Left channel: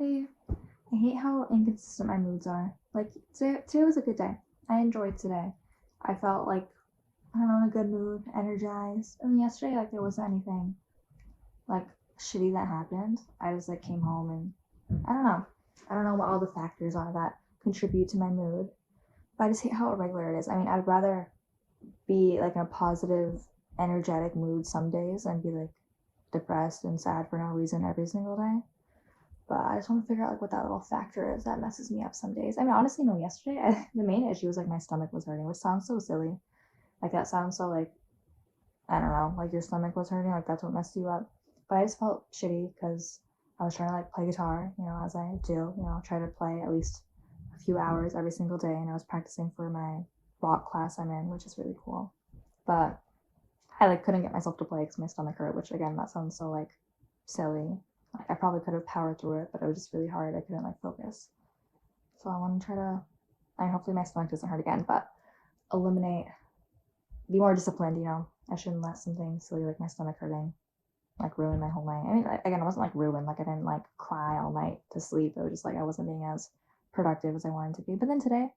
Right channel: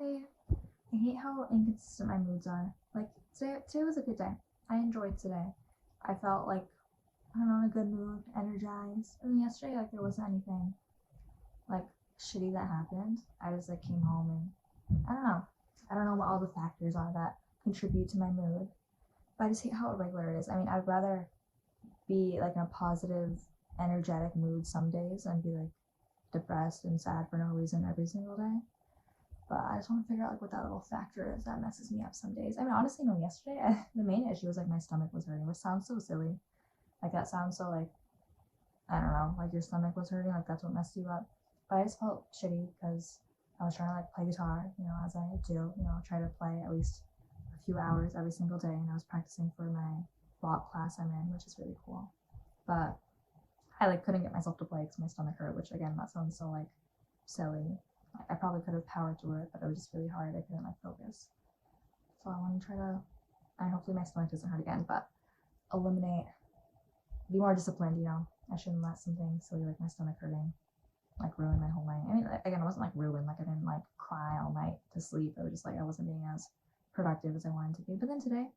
Hey, I hate how inconsistent my moods are. Like today was a good day. I enjoyed today. I felt like I don't know, in a good mood, energized. And then yesterday, like there wasn't anything like shitty that happened. I just like came home and I don't know. I don't know what all the factors are that contribute to my mood. But I just hate how irregular it is. I mean, I'd rather be like in a positive, energetic mood some days and be like depressed and sad for no reason every single day. But I just want to figure out like what that little factor is that messes me up some days. I mean, honestly, no. Yesterday, the main issue was like my stomach was hurting, which sounds so silly. Like that sounds so like I don't know, like your stomach was hurting, like that's what messed you up. But I just felt shitty because I was trying to like play guitar, as I do. Try to play at least a few hours every single day, and I was practicing for my rock class I'm in, which is really cool. But I like couldn't get myself to play because my stomach hurt, which again that sounds so like silly. Like I probably could have powered through it, but it was just really hard. I couldn't like focus. So I want to try to. I mean, hopefully my stomach doesn't hurt again, but eliminate, be more disciplined. I shouldn't let something silly like my stomach hurting like ruin my whole night. I mean, again, it wasn't like ruined. Like I didn't like cry all night to sleep. It was just like I wasn't being as productive as I wanted to be. But then today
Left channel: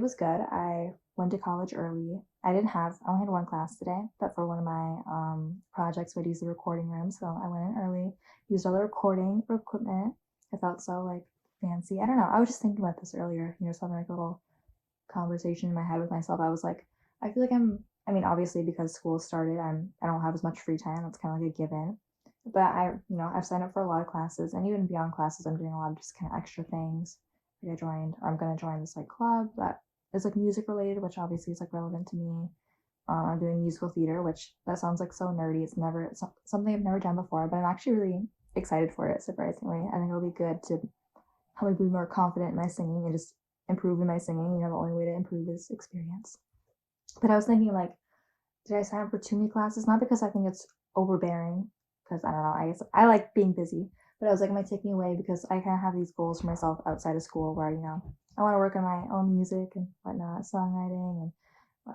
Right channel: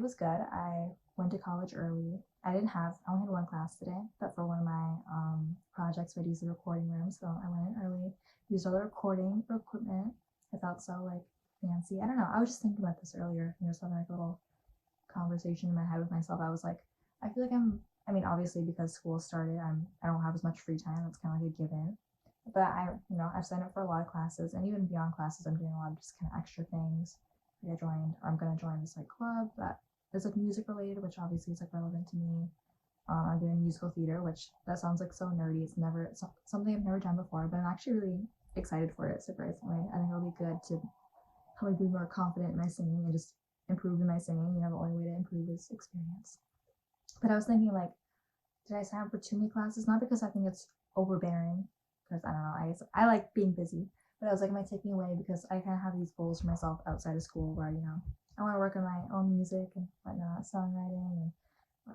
was good. I went to college early. I only had one class today, but for one of my projects, we'd use the recording room. So I went in early, used all the recording equipment. I felt so like fancy. I don't know. I was just thinking about this earlier, just having like a little conversation in my head with myself. I was like, I feel like I mean, obviously because school started, I don't have as much free time. That's kind of like a given. But I've signed up for a lot of classes, and even beyond classes, I'm doing a lot of just kind of extra things. Like I'm gonna join this like club that is like music related, which obviously is like relevant to me. I'm doing musical theater, which that sounds like so nerdy. It's something I've never done before, but I'm actually really excited for it. Surprisingly, I think it'll be good to help me be more confident in my singing and just improve in my singing. The only way to improve is experience. But I was thinking like, did I sign up for too many classes? Not because I think it's overbearing, because I don't know. I guess I like being busy, but I was like, am I taking away because I kind of have these goals for myself outside of school where I want to work on my own music and whatnot, songwriting, and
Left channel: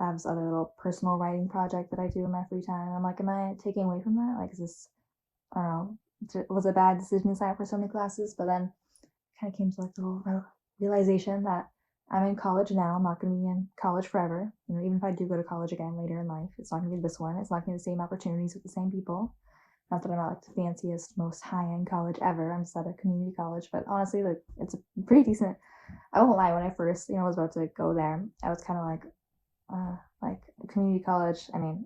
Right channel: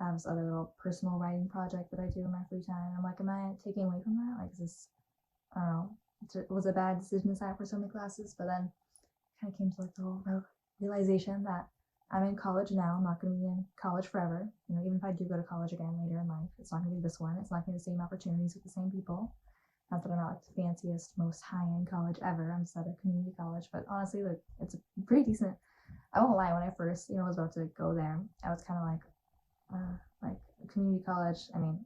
I have this other little personal writing project that I do in my free time. And I'm like, am I taking away from that? Like, is this, I don't know, was it a bad decision to sign up for so many classes? But then kind of came to like the little realization that I'm in college now. I'm not going to be in college forever. Even if I do go to college again later in life, it's not going to be this one. It's not going to be the same opportunities with the same people. Not that I'm not like the fanciest, most high-end college ever. I'm just at a community college, but honestly, like it's a pretty decent. I won't lie. When I first, was about to go there, I was kind of like community college. I mean,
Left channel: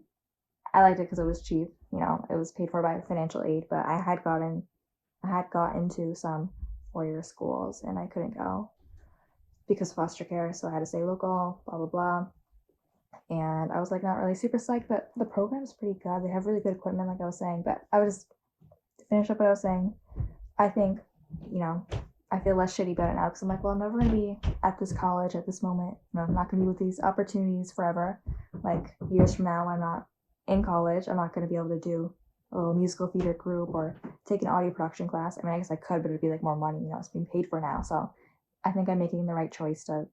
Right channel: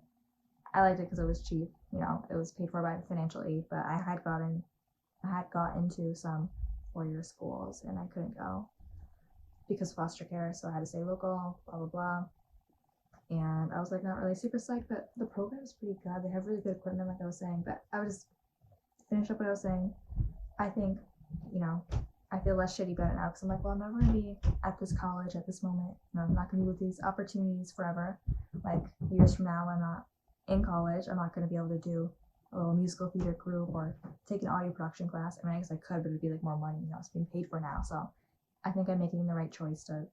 I liked it because it was cheap. It was paid for by financial aid, but I had got into some 4-year schools and I couldn't go because of foster care, so I had to stay local, blah blah blah. And I was like not really super psyched, but the program's pretty good. They have really good equipment, like I was saying. But I was just to finish up what I was saying. I think, you know, I feel less shitty about it now because I'm like, well, I'm never gonna be at this college at this moment. I'm not gonna be with these opportunities forever. Like years from now, I'm not in college. I'm not gonna be able to do a little musical theater group or take an audio production class. I mean, I guess I could, but it'd be like more money. It's being paid for now. So I think I'm making the right choice to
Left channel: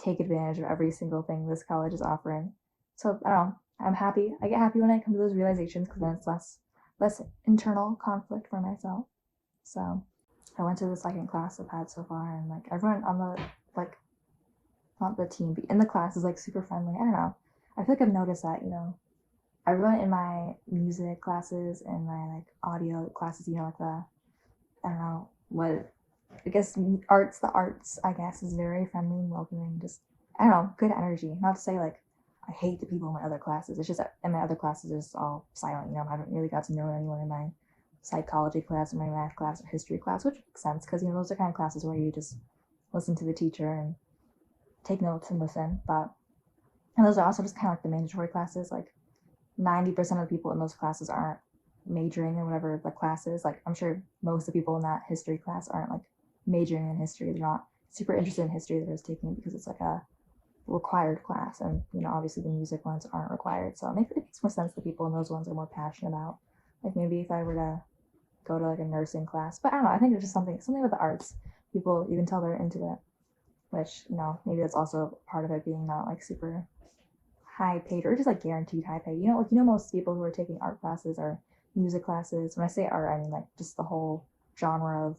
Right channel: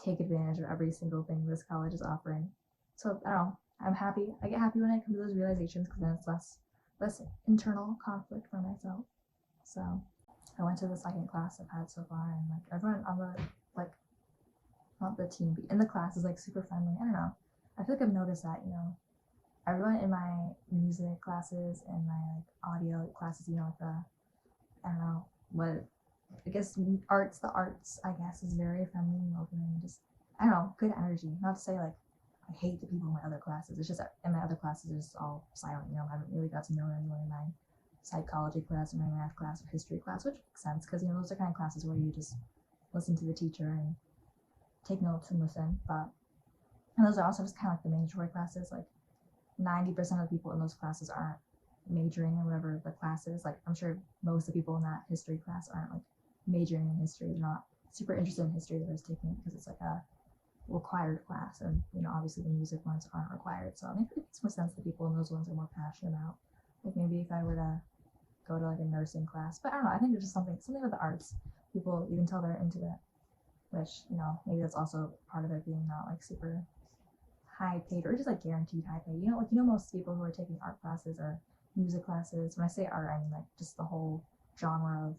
take advantage of every single thing this college is offering. So I don't know. I'm happy. I get happy when I come to those realizations because then it's less internal conflict for myself. So I went to the second class I've had so far, and like everyone on the like not the team, but in the class is like super friendly. I don't know. I feel like I've noticed that everyone in my music classes and my like audio classes, like the I don't know what I guess the arts I guess is very friendly and welcoming. Just I don't know, good energy. Not to say like I hate the people in my other classes. It's just that in my other classes it's all silent. I haven't really got to know anyone in my psychology class or my math class or history class, which makes sense because those are kind of classes where you just listen to the teacher and take notes and listen. But and those are also just kind of like the mandatory classes. Like 90% of the people in those classes aren't majoring in whatever the class is. Like I'm sure most of the people in that history class aren't like majoring in history. They're not super interested in history. They're just taking it because it's like a required class, and obviously the music ones aren't required. So it makes more sense that people in those ones are more passionate about. Like maybe if I were to go to like a nursing class, but I don't know. I think it's just something with the arts. People you can tell they're into it, which maybe that's also part of it being not like super high paid or just like guaranteed high paid. Most people who are taking art classes or music classes. When I say art, I mean like just the whole genre of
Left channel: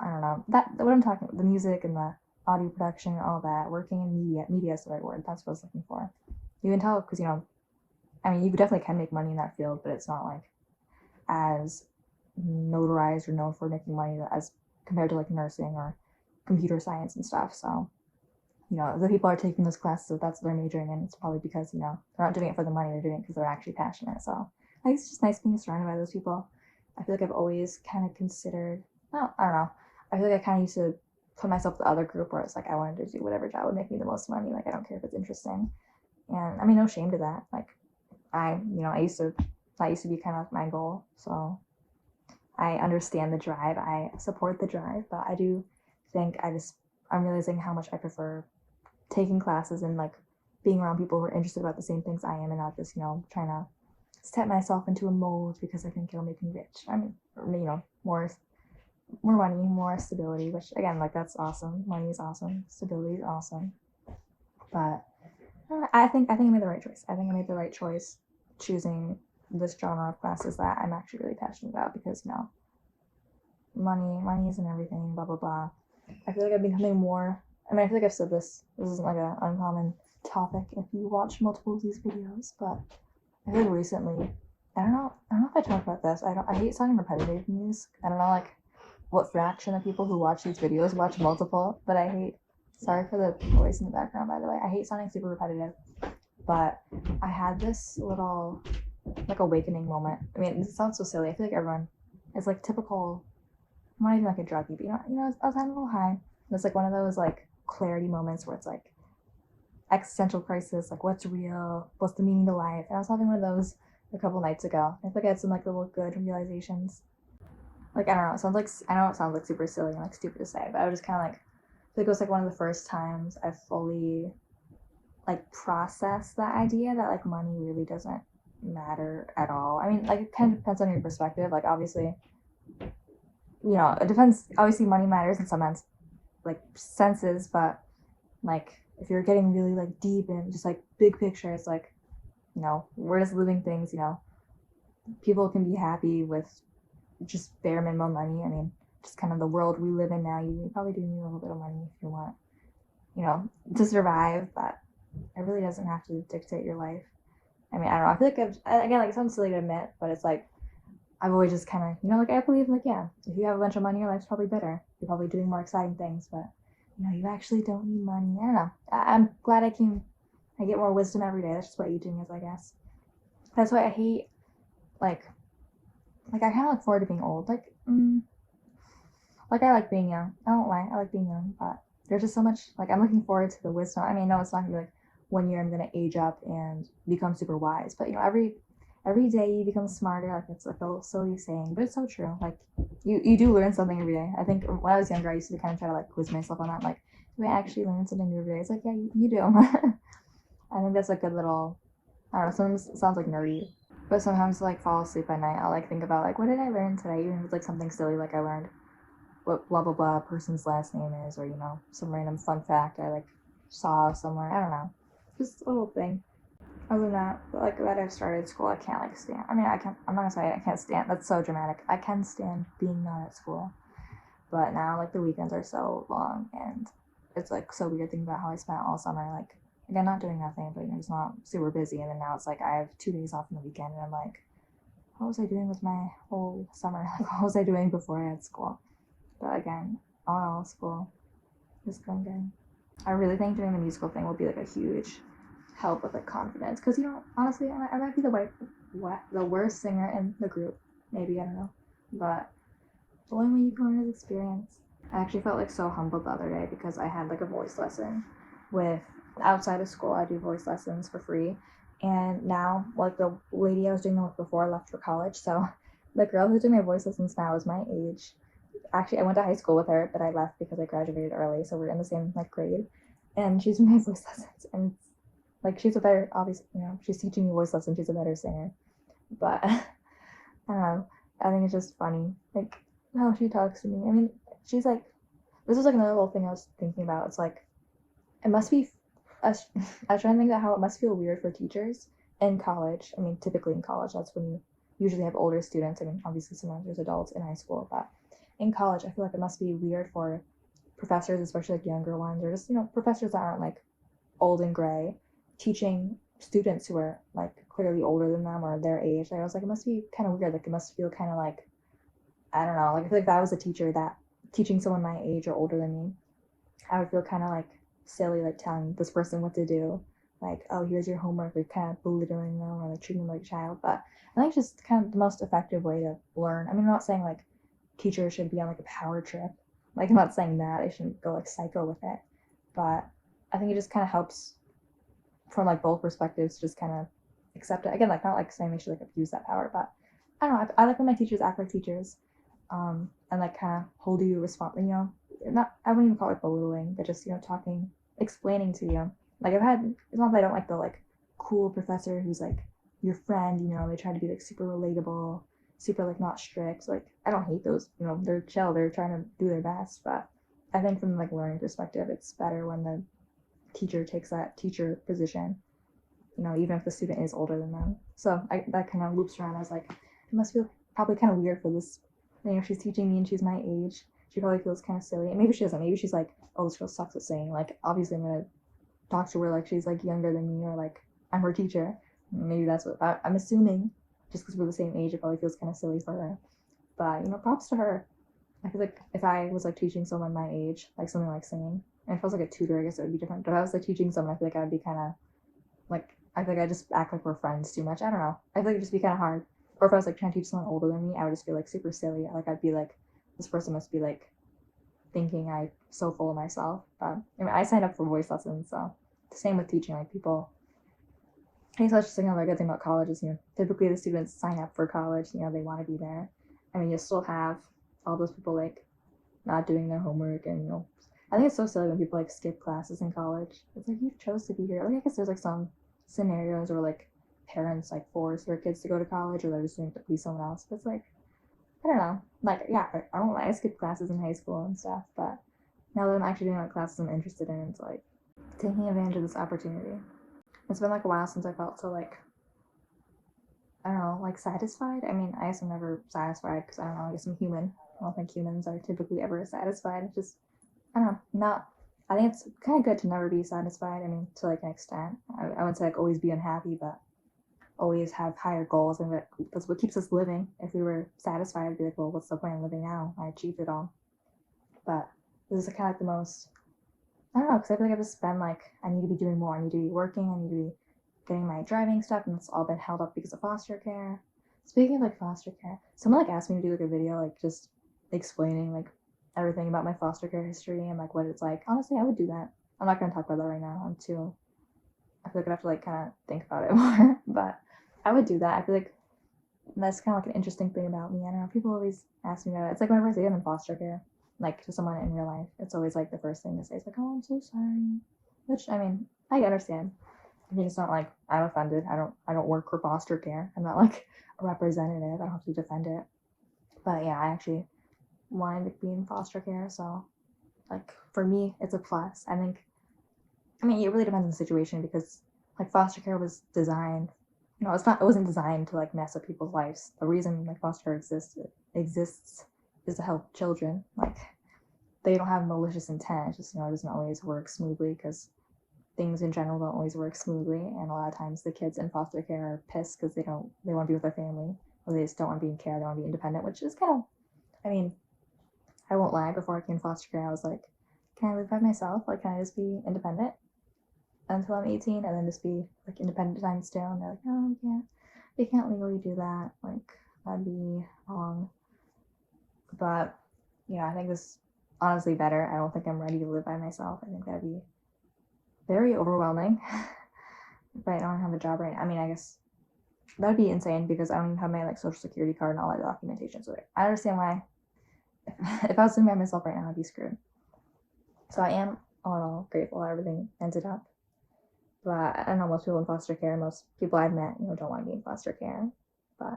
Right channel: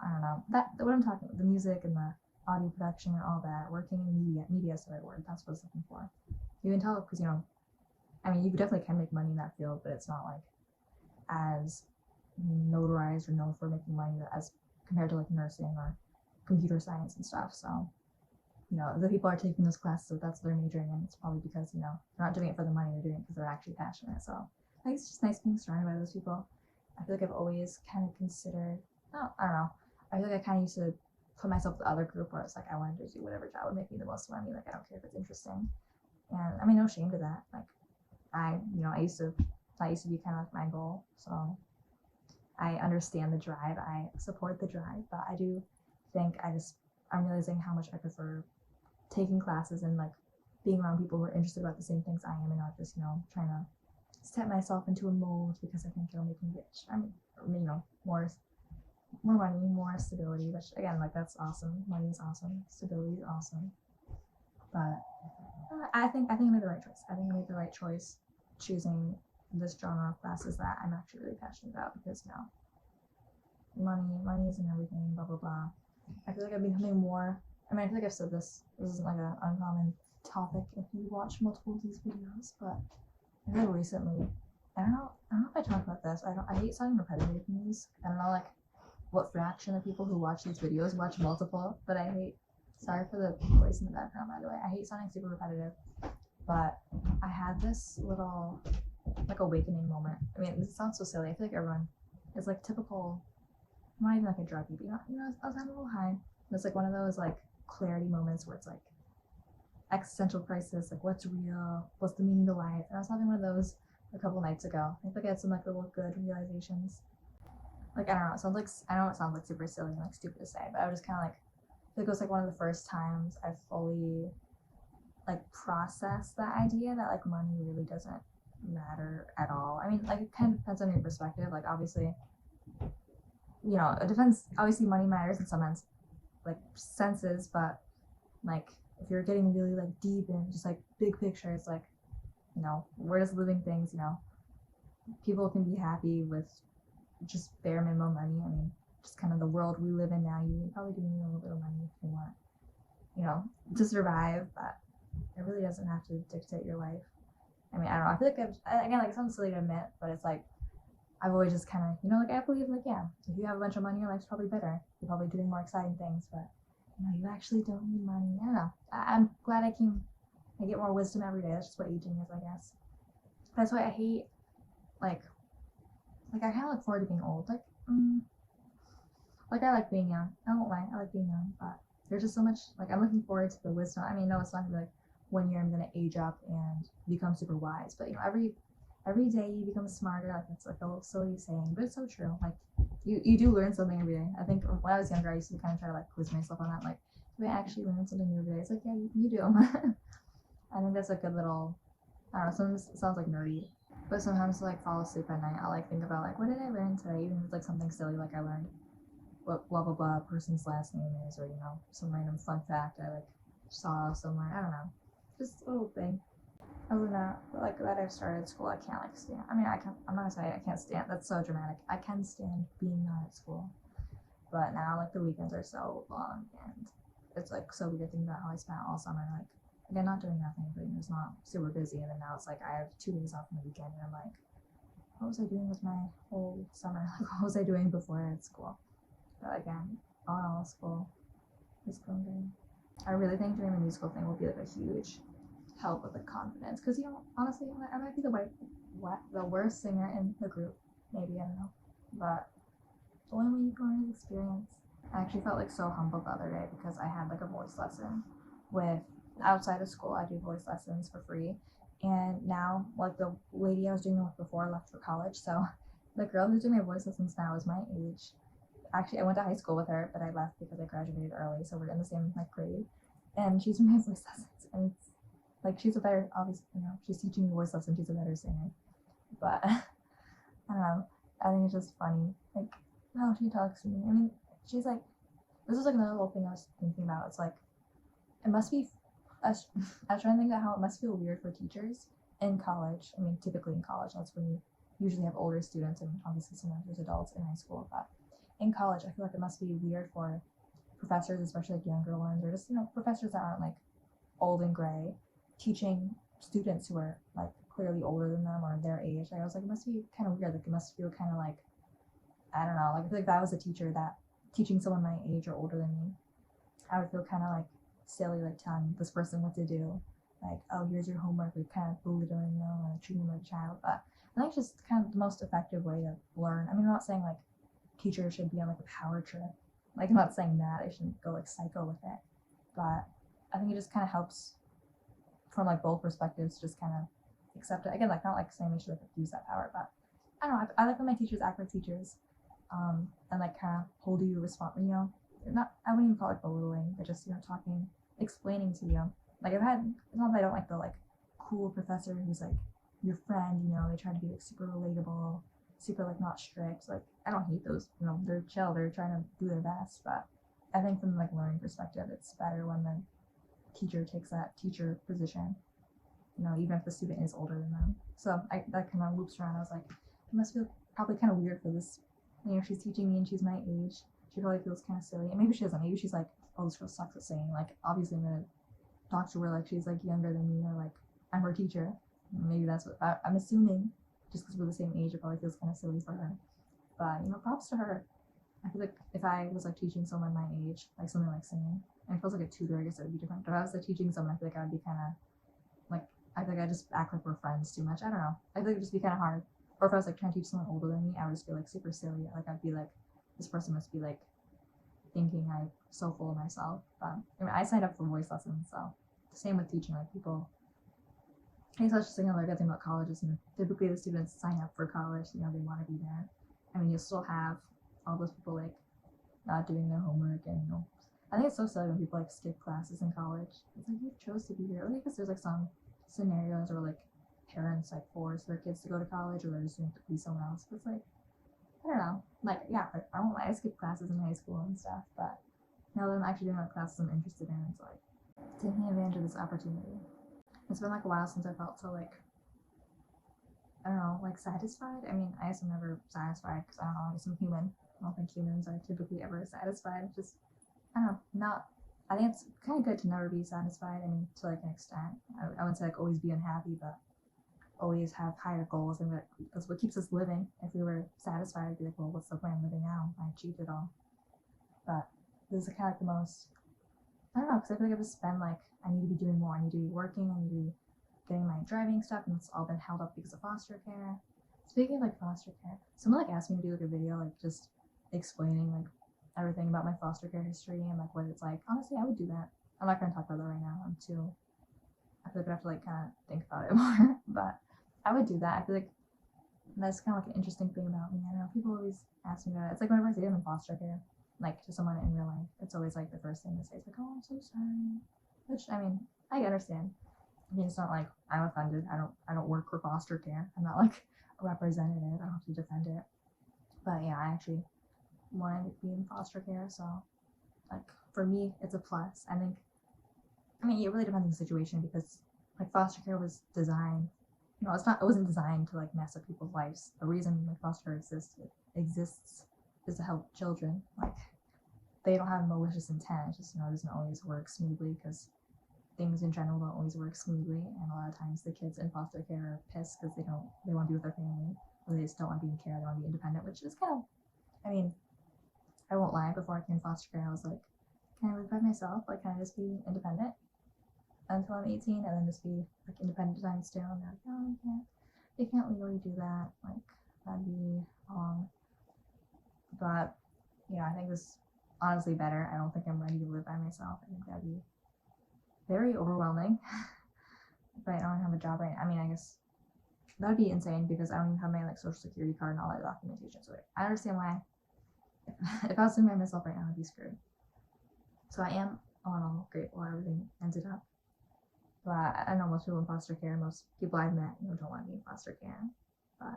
I don't know, that what I'm talking about, the music and the audio production and all that, working in media is the right word. That's what I was looking for. You can tell because, you know, I mean, you definitely can make money in that field, but it's not like as notarized or known for making money as compared to like nursing or computer science and stuff. So, you know, the people are taking those classes, if that's what they're majoring in, it's probably because, you know, they're not doing it for the money, they're doing it because they're actually passionate. So I think it's just nice being surrounded by those people. I feel like I've always kind of considered, no, I don't know. I feel like I kind of used to put myself in the other group where it's like I wanted to do whatever job would make me the most money. Like I don't care if it's interesting. And I mean, no shame to that. Like that used to be kind of my goal. So I understand the drive. I support the drive, but I do think I'm realizing how much I prefer taking classes and like being around people who are interested about the same things I am and not just, you know, trying to step myself into a mold because I think it'll make me rich. I mean, you know, more money, more stability, which again, like that's awesome. Money is awesome. Stability is awesome. But I think I made the right choice. I think I made the right choice choosing this genre of classes that I'm actually really passionate about because, you know, money isn't everything, blah blah blah. I feel like I've been becoming more, I mean, I feel like I've said this isn't like an uncommon topic if you watch multiple of these videos, but I feel like recently, I don't know if I talked about this. I hate sounding repetitive in these. I don't know like what fraction of people who watch these videos watch multiple, but I hate, sorry for the voice in the background by the way, I hate sounding super repetitive, but I had this little like awakening moment. I mean, it sounds so silly. I feel like everyone is like typical, I'm not even like a druggie, but you know, I was having a little high. And it's like one of those like clarity moments where it's like existential crisis, like what's real, what's the meaning to life. And I was having one of those a couple nights ago. I think I had some like little good realizations. Like I don't know, I know it sounds like super silly and like stupid to say, but I was just kind of like, I think it was like one of the first times I fully like processed that idea that like money really doesn't matter at all. I mean, like it kind of depends on your perspective. Like obviously, you know, it depends. Obviously, money matters in some senses, but like if you're getting really like deep and just like big picture, it's like, you know, we're just living things. You know, people can be happy with just bare minimum money. I mean, just kind of the world we live in now. You probably do need a little bit of money if you want, you know, to survive, but it really doesn't have to dictate your life. I mean, I don't know. I feel like again, like it sounds silly to admit, but it's like I've always just kind of, you know, like I believe, like, yeah, if you have a bunch of money, your life's probably better. You're probably doing more exciting things, but, you know, you actually don't need money. I don't know. I'm glad I get more wisdom every day. That's just what aging is, I guess. That's why I hate, like I kind of look forward to being old. Like I like being young. I don't lie. I like being young, but there's just so much, like, I'm looking forward to the wisdom. I mean, no, it's not gonna be like 1 year I'm gonna age up and become super wise, but, you know, every day you become smarter. Like it's like a little silly saying, but it's so true. Like you do learn something every day. I think when I was younger, I used to kind of try to like quiz myself on that. Like, do I actually learn something new every day? It's like, yeah, you do. I think that's a good little, I don't know, sometimes it sounds like nerdy, but sometimes to like fall asleep at night, I'll like think about like, what did I learn today? Even if it's like something silly, like I learned what blah blah blah person's last name is, or, you know, some random fun fact I like saw somewhere. I don't know, just a little thing. Other than that, like that I've started school, I can't like stand. I mean, I'm not gonna say I can't stand. That's so dramatic. I can stand being not at school, but now like the weekends are so long, and it's like so weird thinking about how I spent all summer. Like again, not doing nothing, but, you know, just not super busy. And then now it's like I have 2 days off on the weekend, and I'm like, what was I doing with my whole summer? Like what was I doing before I had school? But again, all in all, school is going good. I really think doing the musical thing will be like a huge help with like confidence, because, you know, honestly, I might be the worst singer in the group, maybe, I don't know, but the only way you can learn is experience. I actually felt like so humbled the other day because I had like a voice lesson with, outside of school, I do voice lessons for free, and now like the lady I was doing them with before left for college, so the girl who's doing my voice lessons now is my age. Actually, I went to high school with her, but I left because I graduated early, so we're in the same like grade, and she's doing my voice lessons, and it's like she's a better, obviously, you know, she's teaching me voice lessons, she's a better singer, but I don't know, I think it's just funny, like how she talks to me. I mean, she's like, this is like another little thing I was thinking about. It's like, it must be, I was trying to think about how it must feel weird for teachers in college. I mean, typically in college, that's when you usually have older students. I mean, obviously sometimes there's adults in high school, but in college, I feel like it must be weird for professors, especially like younger ones, or just, professors that aren't like old and gray, teaching students who are like clearly older than them or their age. Like, I was like, it must be kind of weird. Like, it must feel kind of like, I don't know. Like, I feel like if I was a teacher that teaching someone my age or older than me, I would feel kind of like silly, like telling this person what to do. Like, oh, here's your homework, like kind of belittling them or like treating them like a child. But I think it's just kind of the most effective way to learn. I mean, I'm not saying like teachers should be on like a power trip. Like, I'm not saying that they shouldn't go like psycho with it. But I think it just kind of helps from like both perspectives to just kind of accept it. Again, like not like saying they should like abuse that power, but I don't know. I like when my teachers act like teachers, and like kind of hold you responsible. Not, I wouldn't even call it belittling, but just talking, explaining to you. Like, it's not that I don't like the like cool professor who's like your friend. They try to be like super relatable, super like not strict. Like, I don't hate those. They're chill. They're trying to do their best, but I think from like learning perspective, it's better when the teacher takes that teacher position, even if the student is older than them. So that kind of loops around. I was like, it must feel probably kind of weird for this. She's teaching me and she's my age. She probably feels kind of silly. And maybe she doesn't. Maybe she's like, oh, this girl sucks at singing. Like, obviously, I'm going to talk to her like she's like younger than me or like I'm her teacher. Maybe that's what I'm assuming. Just because we're the same age, it probably feels kind of silly for her. But, props to her. I feel like if I was like teaching someone my age, like something like singing, and if I was like a tutor, I guess it would be different. But if I was like teaching someone, I feel like I would be kind of like, I feel like I just act like we're friends too much. I don't know. I feel like it'd just be kind of hard. Or if I was like trying to teach someone older than me, I would just feel like super silly. Like, I'd be like, this person must be like thinking I'm so full of myself. I mean, I signed up for voice lessons, so the same with teaching. Like, people, I guess that's just another good thing about college is, typically the students sign up for college, they want to be there. I mean, you'll still have all those people like not doing their homework, and I think it's so silly when people like skip classes in college. It's like, you chose to be here. Like, I guess there's like some scenarios where like parents like force their kids to go to college, or they're just doing it to please someone else. But it's like, I don't know. Like, yeah, I won't lie, I skipped classes in high school and stuff, but now that I'm actually doing like classes I'm interested in, it's like taking advantage of this opportunity. It's been like a while since I felt so like, I don't know, like satisfied. I mean, I guess I'm never satisfied because I don't know, I guess I'm human. I don't think humans are typically ever satisfied. It's just, I don't know, not, I think it's kind of good to never be satisfied. I mean, to like an extent. I wouldn't say like always be unhappy, but always have higher goals. And that's what keeps us living. If we were satisfied, I'd be like, well, what's the point of living now? I achieved it all. But this is kind of like the most, I don't know, because I feel like I've just been like, I need to be doing more. I need to be working. I need to be getting my driving stuff, and it's all been held up because of foster care. Speaking of like foster care, someone like asked me to do like a video like just explaining like everything about my foster care history and like what it's like. Honestly, I would do that. I'm not gonna talk about that right now. I feel like I have to like kind of think about it more, but I would do that. I feel like that's kind of like an interesting thing about me. I don't know. People always ask me about it. It's like whenever I say I'm in foster care, like to someone in real life, it's always like the first thing they say is like, "Oh, I'm so sorry," which I mean, I understand. I mean, it's not like I'm offended. I don't work for foster care. I'm not like a representative. I don't have to defend it. But yeah, I actually wanted to be in foster care, so like for me, it's a plus. I mean, it really depends on the situation because like foster care was designed. It wasn't designed to like mess up people's lives. The reason like foster care exists is to help children. Like, they don't have malicious intent. It's just, it doesn't always work smoothly because things in general don't always work smoothly, and a lot of times the kids in foster care are pissed because they want to be with their family, or they just don't want to be in care. They want to be independent, which is kind of, I mean, I won't lie, before I came to foster care, I was like, can I live by myself? Like, can I just be independent until I'm 18 and then just be like independent times two? And they're like, no, you can't legally do that. Like, that'd be wrong. But yeah, I think this is honestly better. I don't think I'm ready to live by myself. I think that'd be very overwhelming. But I don't have a job right now. I mean, I guess that'd be insane because I don't even have my like social security card and all that documentation. So I understand why if I was living by myself right now, I'd be screwed. So I am all in all grateful how everything ended up. But I know most people in foster care, most people I've met, don't want to be in foster care. But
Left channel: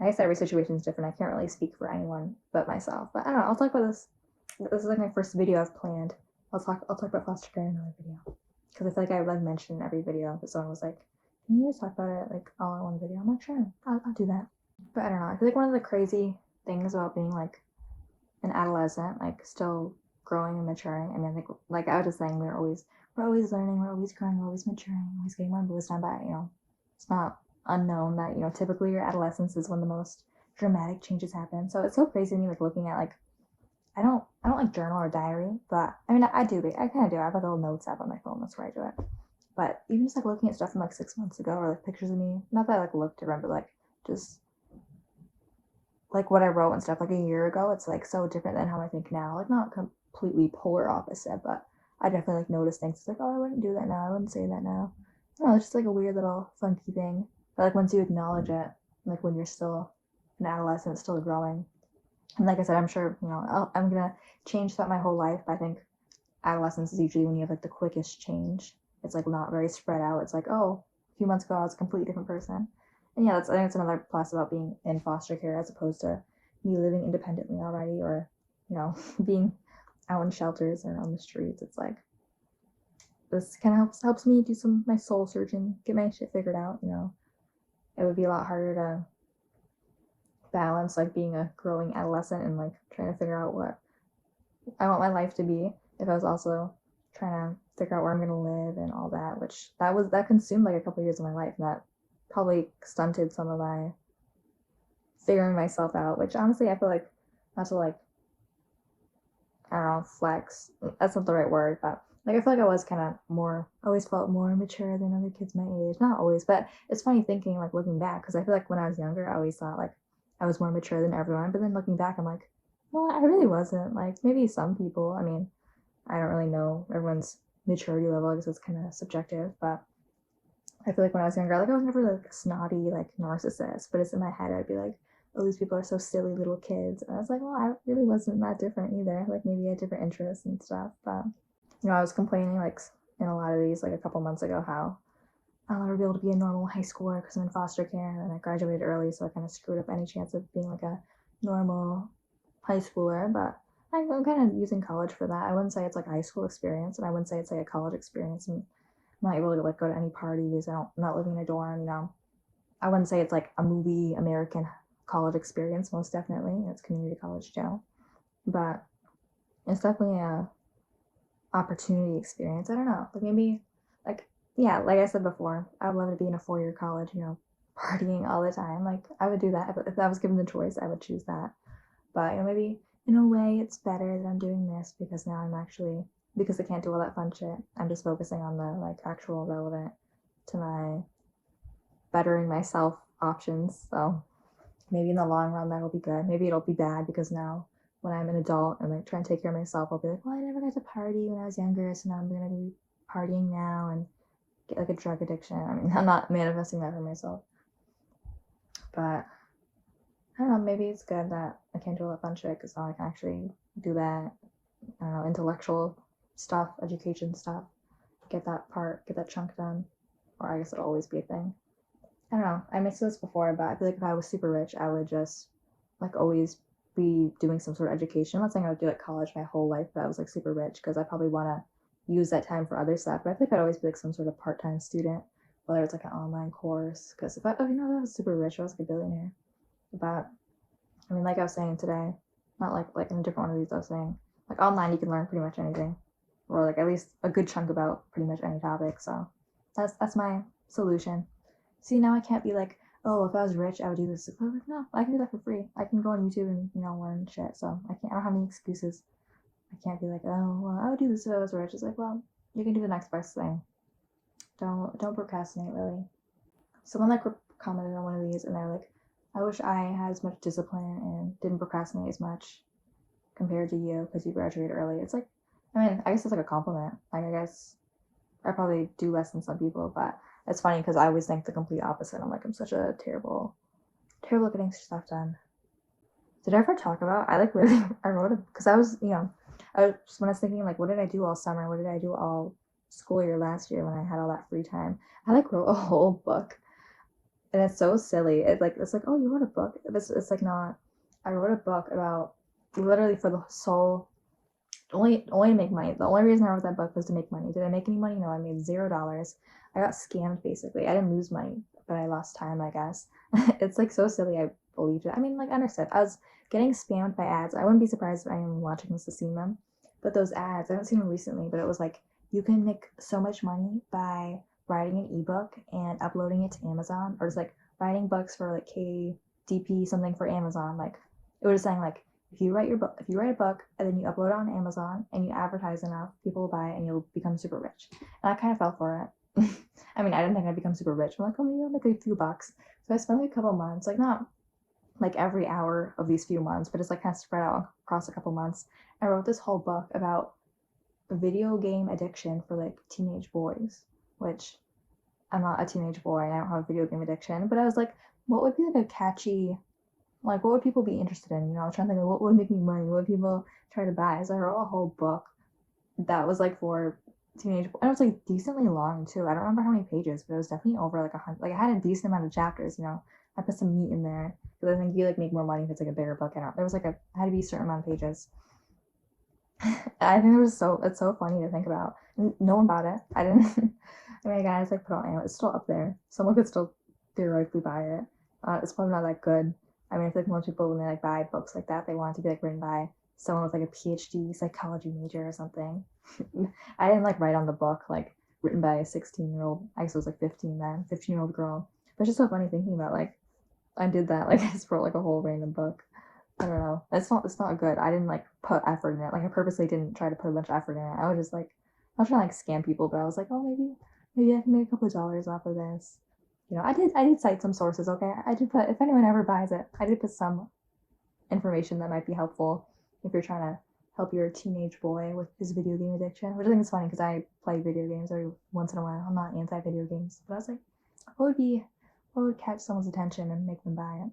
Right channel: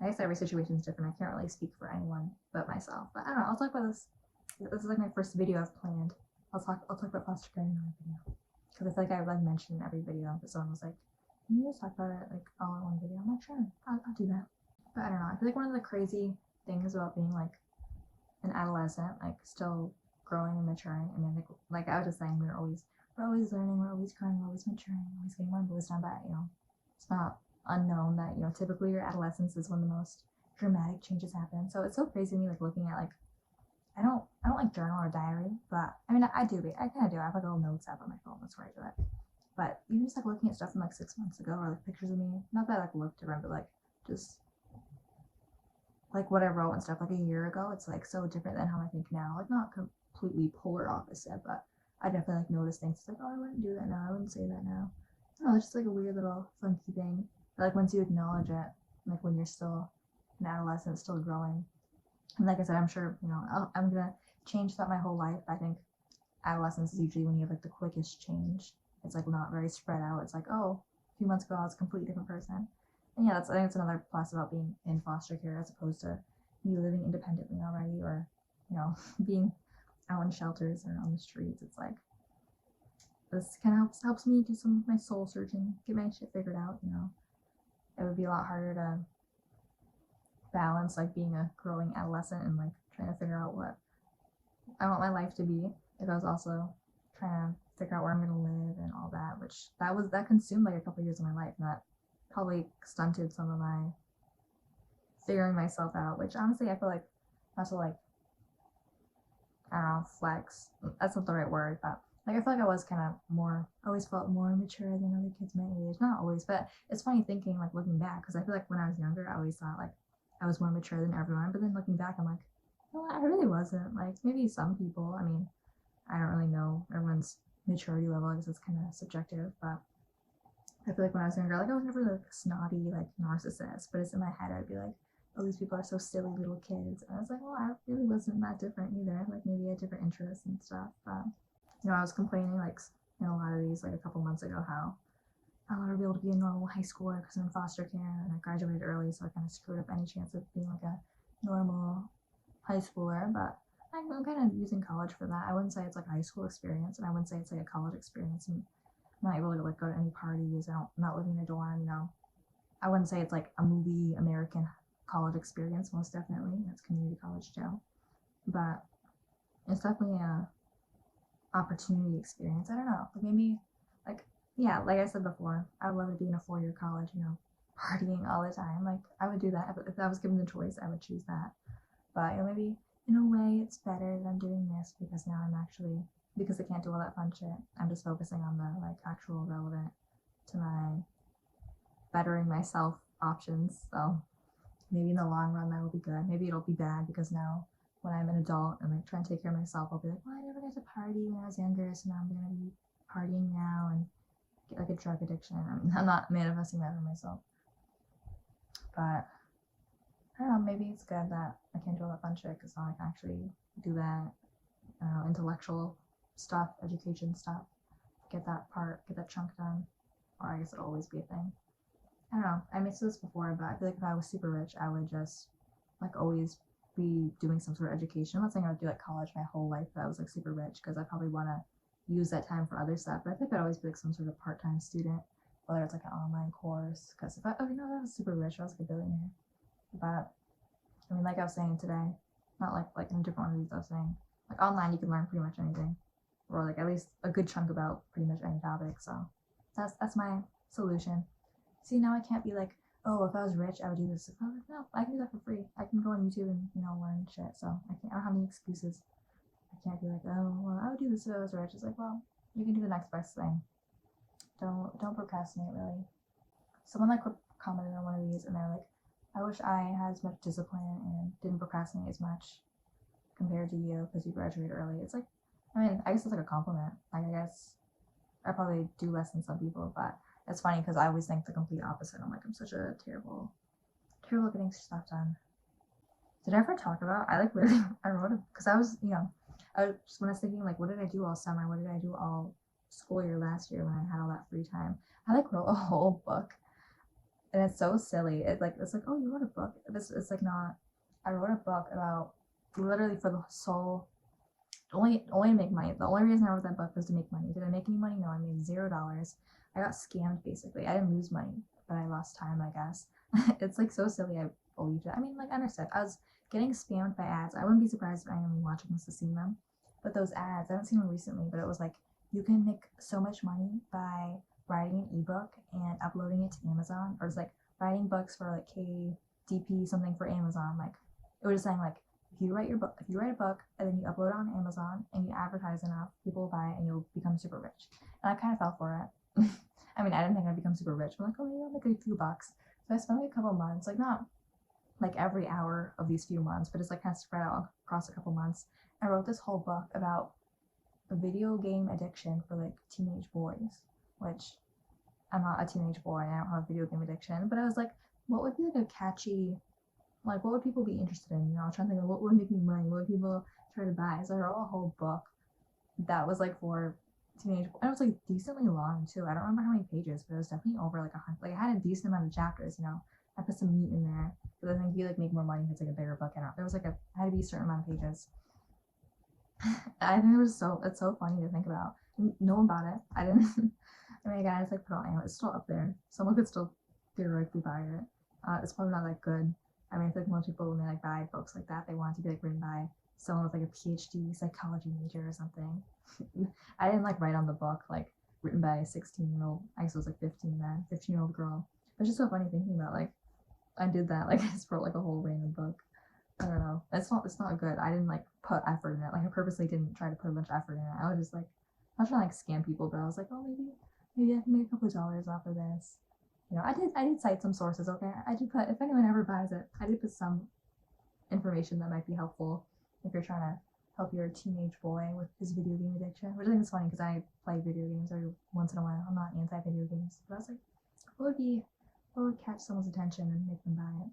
I guess every situation is different. I can't really speak for anyone but myself. But I don't know. I'll talk about this. This is like my first video I've planned. I'll talk about foster care in another video because I feel like I like mentioned in every video. But someone was like, "Can you just talk about it like all in one video?" I'm like, "Sure, I'll do that." But I don't know. I feel like one of the crazy things about being like an adolescent, like still growing and maturing. I mean, like I was just saying, we're always learning, we're always growing, we're always maturing, always getting more wisdom. But it's not unknown that typically your adolescence is when the most dramatic changes happen. So it's so crazy to me, like looking at like I don't like journal or diary, but I mean I do. I kind of do. I have like a little notes app on my phone. That's where I do it. But even just like looking at stuff from like 6 months ago, or like pictures of me, not that I like look different, but like just like what I wrote and stuff like a year ago, it's like so different than how I think now. Like not completely polar opposite, but I definitely like notice things. It's like, oh, I wouldn't do that now. I wouldn't say that now. No, it's just like a weird little funky thing. But like once you acknowledge it, like when you're still an adolescent, still growing, and like I said, I'm sure I'm gonna change throughout my whole life. But I think adolescence is usually when you have like the quickest change. It's like not very spread out. It's like, oh, a few months ago I was a completely different person. And yeah, I think that's another plus about being in foster care as opposed to me living independently already, or being out in shelters or on the streets. It's like this kind of helps me do some of my soul searching, get my shit figured out. It would be a lot harder to balance like being a growing adolescent and like trying to figure out what I want my life to be if I was also trying to figure out where I'm gonna live and all that, which that consumed like a couple of years of my life, and that probably stunted some of my figuring myself out, which honestly I feel like, not to like, I don't know, flex, that's not the right word, but like I feel like I was kind of more, always felt more mature than other kids my age. Not always, but it's funny thinking, like looking back, because I feel like when I was younger I always thought like I was more mature than everyone, but then looking back I'm like, no, I really wasn't. Like maybe some people, I mean, I don't really know everyone's maturity level, I guess it's kind of subjective, but I feel like when I was younger, like I was never like a snotty like narcissist, but it's in my head I'd be like, oh, these people are so silly little kids. And I was like, well, I really wasn't that different either. Like maybe I had different interests and stuff, but I was complaining like in a lot of these like a couple months ago how I'll never be able to be a normal high schooler because I'm in foster care and I graduated early, so I kind of screwed up any chance of being like a normal high schooler. But I'm kind of using college for that. I wouldn't say it's like a high school experience, and I wouldn't say it's like a college experience. And I'm not able to like go to any parties. I'm not living in a dorm. I wouldn't say it's like a movie American college experience. Most definitely, it's community college too, but it's definitely a opportunity experience. I don't know, like maybe like, yeah, like I said before, I would love to be in a 4-year college, partying all the time. Like I would do that if I was given the choice. I would choose that. But maybe in a way it's better that I'm doing this because now I'm actually, because I can't do all that fun shit, I'm just focusing on the like actual relevant to my bettering myself options. So maybe in the long run that'll be good. Maybe it'll be bad because now when I'm an adult and like trying to take care of myself, I'll be like, well, I never got to party when I was younger, so now I'm gonna be partying now and get like a drug addiction. I mean, I'm not manifesting that for myself, but I don't know, maybe it's good that I can't do all that fun shit because now I can actually do that, intellectual stuff, education stuff, get that chunk done, or I guess it'll always be a thing. I don't know. I mentioned this before, but I feel like if I was super rich, I would just like always be doing some sort of education. I'm not saying I would do like college my whole life, but I was like super rich because I probably want to use that time for other stuff. But I feel like I'd always be like some sort of part-time student, whether it's like an online course. Because if I, oh, I was super rich, I was like a billionaire. But I mean, like I was saying today, not like in a different one of these, I was saying like online you can learn pretty much anything, or like at least a good chunk about pretty much any topic. So that's my solution. See, now I can't be like, oh, if I was rich, I would do this. I was like, no, I can do that for free. I can go on YouTube and learn shit. So I don't have any excuses. I can't be like, oh, well, I would do this if I was rich. It's like, well, you can do the next best thing. Don't procrastinate, really. Someone like commented on one of these, and they're like, I wish I had as much discipline and didn't procrastinate as much compared to you because you graduated early. It's like, I mean, I guess it's like a compliment. Like, I guess I probably do less than some people, but it's funny because I always think the complete opposite. I'm like, I'm such a terrible at getting stuff done. Did I ever talk about, I like really, I wrote it because I was, when I was thinking like, what did I do all summer? What did I do all school year last year when I had all that free time? I like wrote a whole book, and it's so silly. It's like, oh, you wrote a book. It's like not. I wrote a book about literally for the sole only to make money. The only reason I wrote that book was to make money. Did I make any money? No, I made $0. I got scammed basically. I didn't lose money, but I lost time, I guess. It's like so silly. believed it. I mean, like, I understood. I was getting spammed by ads. I wouldn't be surprised if anyone watching this has seen them. But those ads, I haven't seen them recently, but it was like, you can make so much money by writing an ebook and uploading it to Amazon, or just like writing books for like KDP something for Amazon. Like, it was just saying like, if you write a book and then you upload it on Amazon and you advertise enough, people will buy it and you'll become super rich. And I kind of fell for it. I mean, I didn't think I'd become super rich. I'm like, oh, maybe I'll make a few bucks. So I spent like a couple months, like not like every hour of these few months, but it's like kind of spread out across a couple months. I wrote this whole book about video game addiction for like teenage boys, which I'm not a teenage boy and I don't have a video game addiction, but I was like, what would be like a catchy, like what would people be interested in? You know, I was trying to think of what would make me money, what would people try to buy. So I wrote a whole book that was like for teenage, and it was like decently long too. I don't remember how many pages, but it was definitely over like 100. Like I had a decent amount of chapters, you know. I put some meat in there because I think you like make more money if it's like a bigger book. I don't. There was like had to be a certain amount of pages. I think it's so funny to think about. No one bought it. I didn't. I mean, again, I just like put it on Amazon. It's still up there. Someone could still theoretically buy it. It's probably not that good. I mean, I feel like most people when they like buy books like that, they want it to be like written by someone with like a PhD psychology major or something. I didn't like write on the book like written by a 16-year-old. I guess it was like 15 then, 15-year-old girl. But it's just so funny thinking about like I did that. Like I just wrote like a whole random book. I don't know. It's not good. I didn't like put effort in it. Like I purposely didn't try to put a bunch of effort in it. I was just like I was trying to like scam people, but I was like, oh maybe I can make a couple of dollars off of this. You know, I did cite some sources, okay? I did put if anyone ever buys it, I did put some information that might be helpful if you're trying to help your teenage boy with his video game addiction. Which I think is funny because I play video games every once in a while. I'm not anti video games, but I was like, what would catch someone's attention and make them buy it?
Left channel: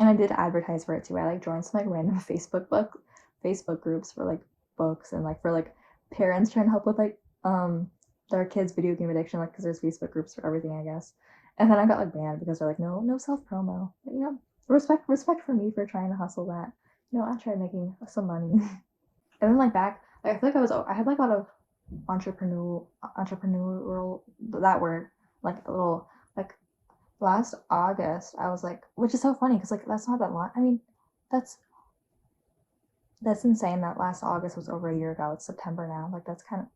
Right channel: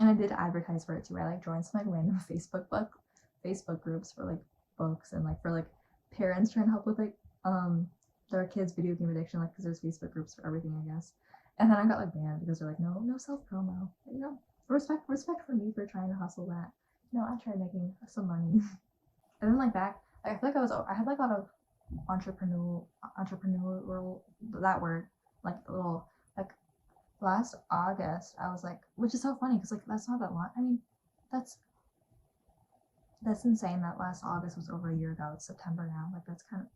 And I did advertise for it too. I like joined some like random Facebook groups for like books and like for like parents trying to help with like their kids' video game addiction, like because there's Facebook groups for everything, I guess. And then I got like banned because they're like, no self promo. You know, respect for me for trying to hustle that. You know, I tried making some money. And then like back, like I feel like I had like a lot of entrepreneurial that word, like a little like last August, I was like, which is so funny because like that's not that long. I mean, that's that's insane that last August was over a year ago. It's September now. Like that's kind of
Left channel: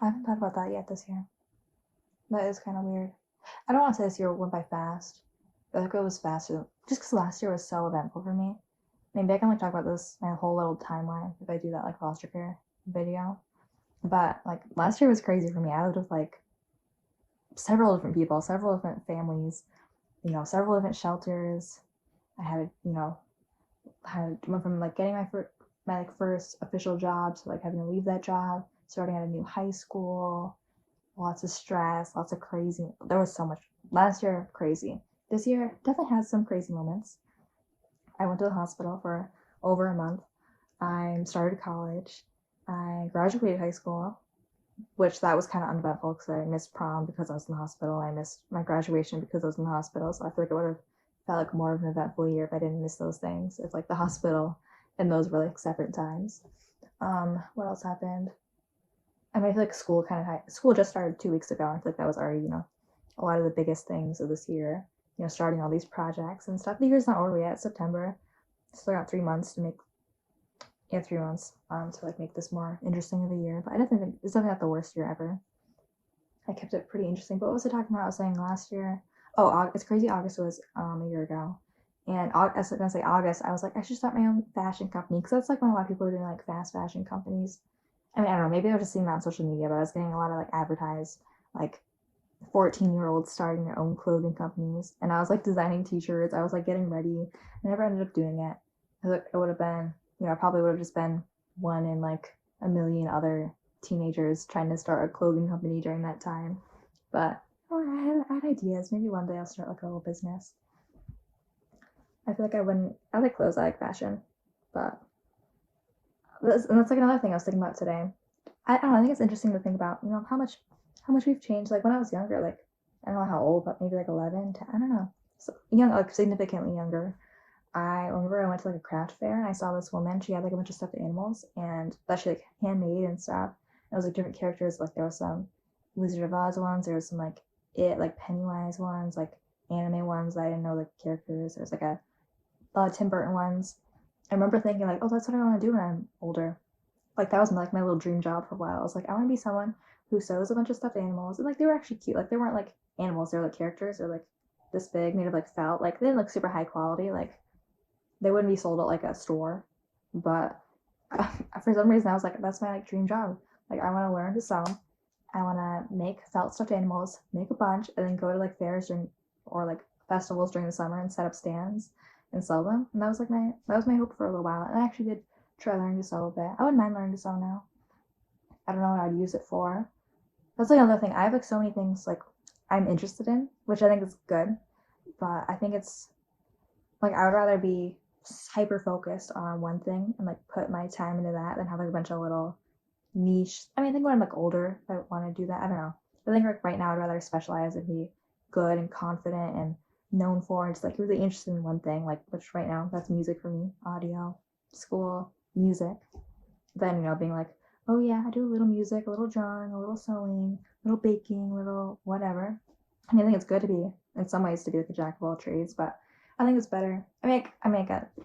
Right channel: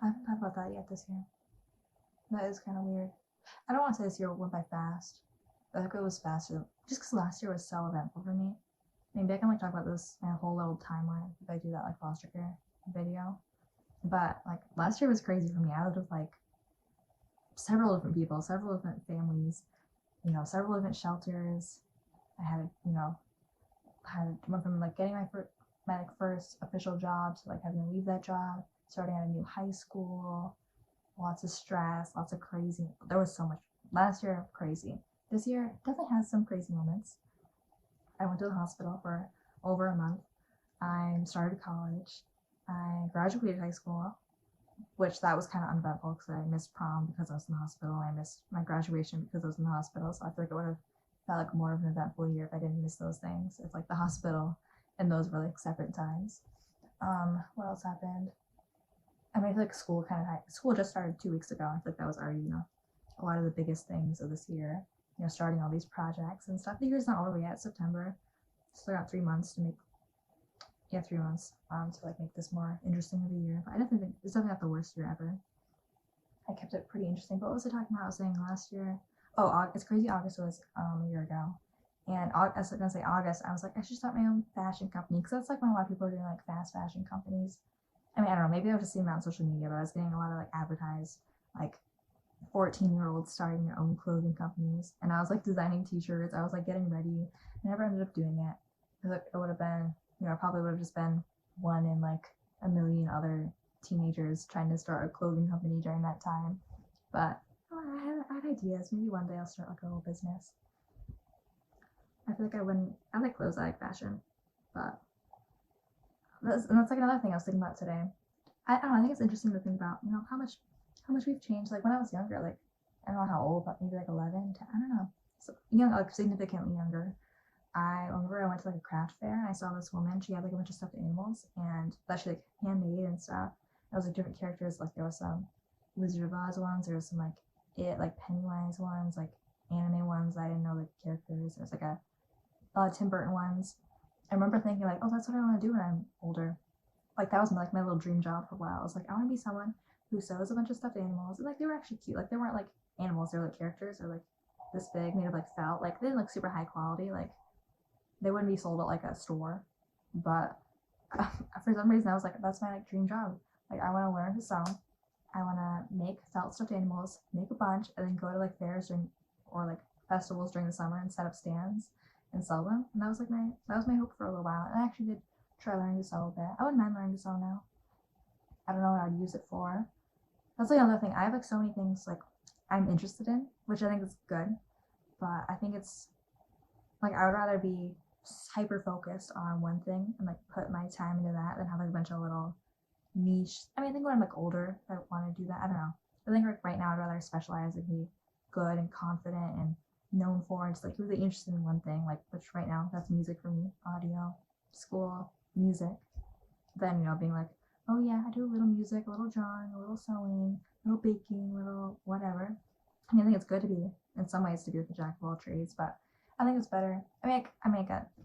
I haven't thought about that yet this year. That is kind of weird. I don't want to say this year went by fast, but like it was faster just because last year was so eventful for me. Maybe I can like talk about this my whole little timeline if I do that like foster care video. But like last year was crazy for me. I lived with like several different people, several different families, you know, several different shelters. I had, you know, went from like getting my like first official job to like having to leave that job, starting at a new high school, lots of stress, lots of crazy. There was so much last year, crazy. This year definitely has some crazy moments. I went to the hospital for over a month. I started college. I graduated high school, which that was kind of uneventful because I missed prom because I was in the hospital. I missed my graduation because I was in the hospital. So I feel like it would have felt like more of an eventful year if I didn't miss those things. If like the hospital and those were like separate times. What else happened? I mean, I feel like school just started 2 weeks ago. I feel like that was already, you know, a lot of the biggest things of this year. You know, starting all these projects and stuff. The year's not over yet. It's September. Still got 3 months to make 3 months to like make this more interesting of a year. But I don't think it's definitely not the worst year ever. I kept it pretty interesting. But what was I talking about? I was saying last year. Oh, it's crazy. August was a year ago, and I was gonna say August. I was like, I should start my own fashion company because that's like when a lot of people are doing like fast fashion companies. I mean, I don't know. Maybe I was just seeing that on social media, but I was getting a lot of like advertised like 14-year-olds starting their own clothing companies, and I was like designing T-shirts. I was like getting ready. I never ended up doing it. It would have been, you know, I probably would have just been one in like a million other teenagers trying to start a clothing company during that time. But oh, I had ideas. Maybe one day I'll start like a little business. I feel like I wouldn't. I like clothes. I like fashion, but that's like another thing I was thinking about today. I don't know. I think it's interesting to think about. You know how much we've changed. Like when I was younger, like I don't know how old, but maybe like 11, 10, I don't know. So young, like significantly younger. I remember I went to like a craft fair and I saw this woman. She had like a bunch of stuffed animals and that she like handmade and stuff. It was like different characters. Like there was some Wizard of Oz ones. There was some like Pennywise ones. Like anime ones that I didn't know the characters. There's like a Tim Burton ones. I remember thinking like, oh, that's what I want to do when I'm older. Like that was like my little dream job for a while. I was like, I want to be someone who sews a bunch of stuffed animals, and like they were actually cute. Like they weren't like animals; they were like characters. They're like this big, made of like felt. Like they didn't look super high quality. Like they wouldn't be sold at like a store. But for some reason, I was like, that's my like dream job. Like I want to learn to sew. I want to make felt stuffed animals, make a bunch, and then go to like fairs during or like festivals during the summer and set up stands and sell them. And that was my hope for a little while. And I actually did try learning to sew a bit. I wouldn't mind learning to sew now. I don't know what I'd use it for. That's like another thing. I have like so many things like I'm interested in, which I think is good. But I think it's like I would rather be hyper focused on one thing and like put my time into that than have like a bunch of little niche. I mean, I think when I'm like older, if I want to do that, I don't know. I think like right now, I'd rather specialize and be good and confident and known for and just like really interested in one thing. Like, which right now, that's music for me, audio, school, music. Then, being like, oh yeah, I do a little music, a little drawing, a little sewing, a little baking, a little whatever. I mean, I think it's good to be, in some ways, to be like a jack of all trades, but I think it's better. It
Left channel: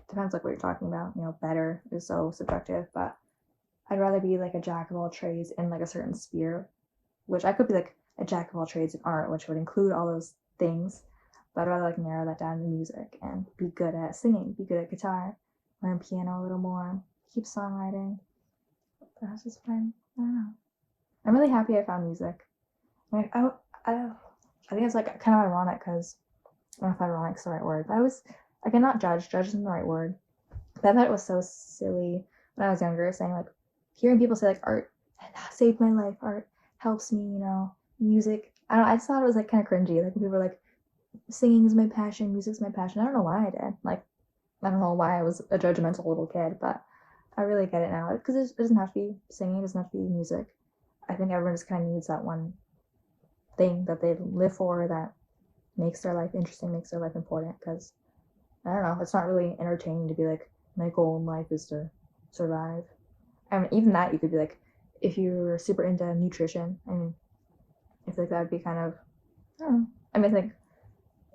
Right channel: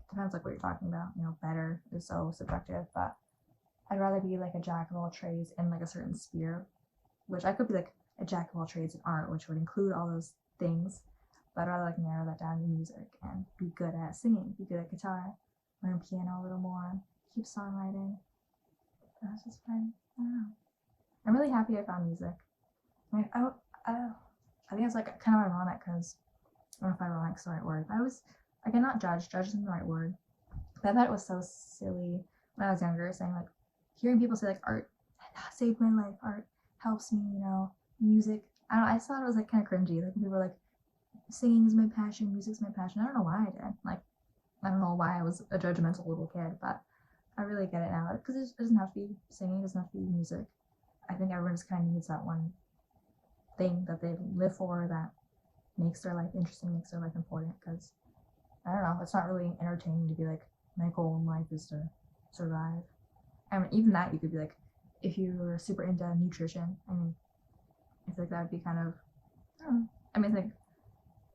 depends like what you're talking about. Better is so subjective, but I'd rather be like a jack of all trades in like a certain sphere, which I could be like a jack of all trades in art, which would include all those things, but I'd rather like narrow that down to music and be good at singing, be good at guitar, learn piano a little more, keep songwriting. That's just fun. I don't know. I'm really happy I found music. I think it's like kind of ironic because I don't know if ironic's the right word, but I was like, I'm not judge. Judge isn't the right word. But I thought it was so silly when I was younger, saying like, hearing people say like art saved my life, art helps me, music. I don't know, I just thought it was like kind of cringy. Like when people were like, singing is my passion, music's my passion. I don't know why I did. Like, I don't know why I was a judgmental little kid, but I really get it now because it doesn't have to be singing, it doesn't have to be music. I think everyone just kind of needs that one thing that they live for that makes their life interesting, makes their life important. Because I don't know, it's not really entertaining to be like, my goal in life is to survive. I mean, even that you could be like, if you were super into nutrition, I mean, I feel like that would be kind of, I don't know. I mean, I think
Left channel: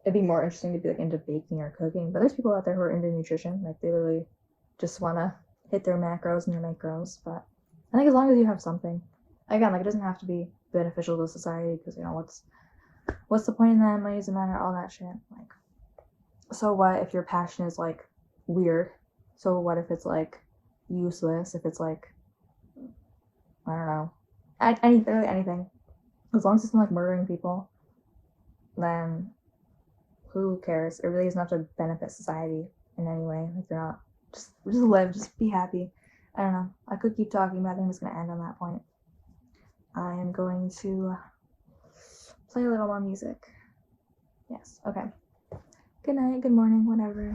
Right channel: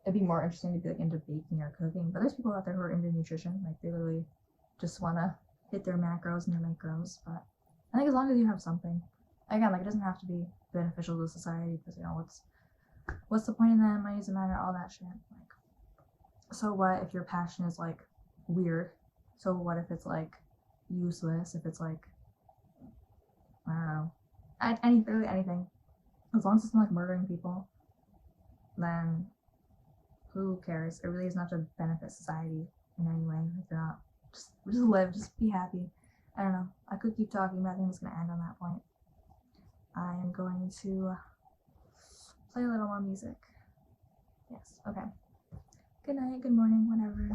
it'd be more interesting to be like into baking or cooking, but there's people out there who are into nutrition, like they literally just want to hit their macros and their macros. But I think as long as you have something, again, like it doesn't have to be beneficial to society because what's the point in that? Money doesn't matter, all that shit. Like, so what if your passion is like weird? So what if it's like useless? If it's like, I don't know, literally anything. As long as it's not like murdering people, then who cares? It really doesn't have to benefit society in any way. Like you're not just live, just be happy. I don't know. I could keep talking, but I think I'm just gonna end on that point. I am going to play a little more music. Yes. Okay. Good night. Good morning. Whatever.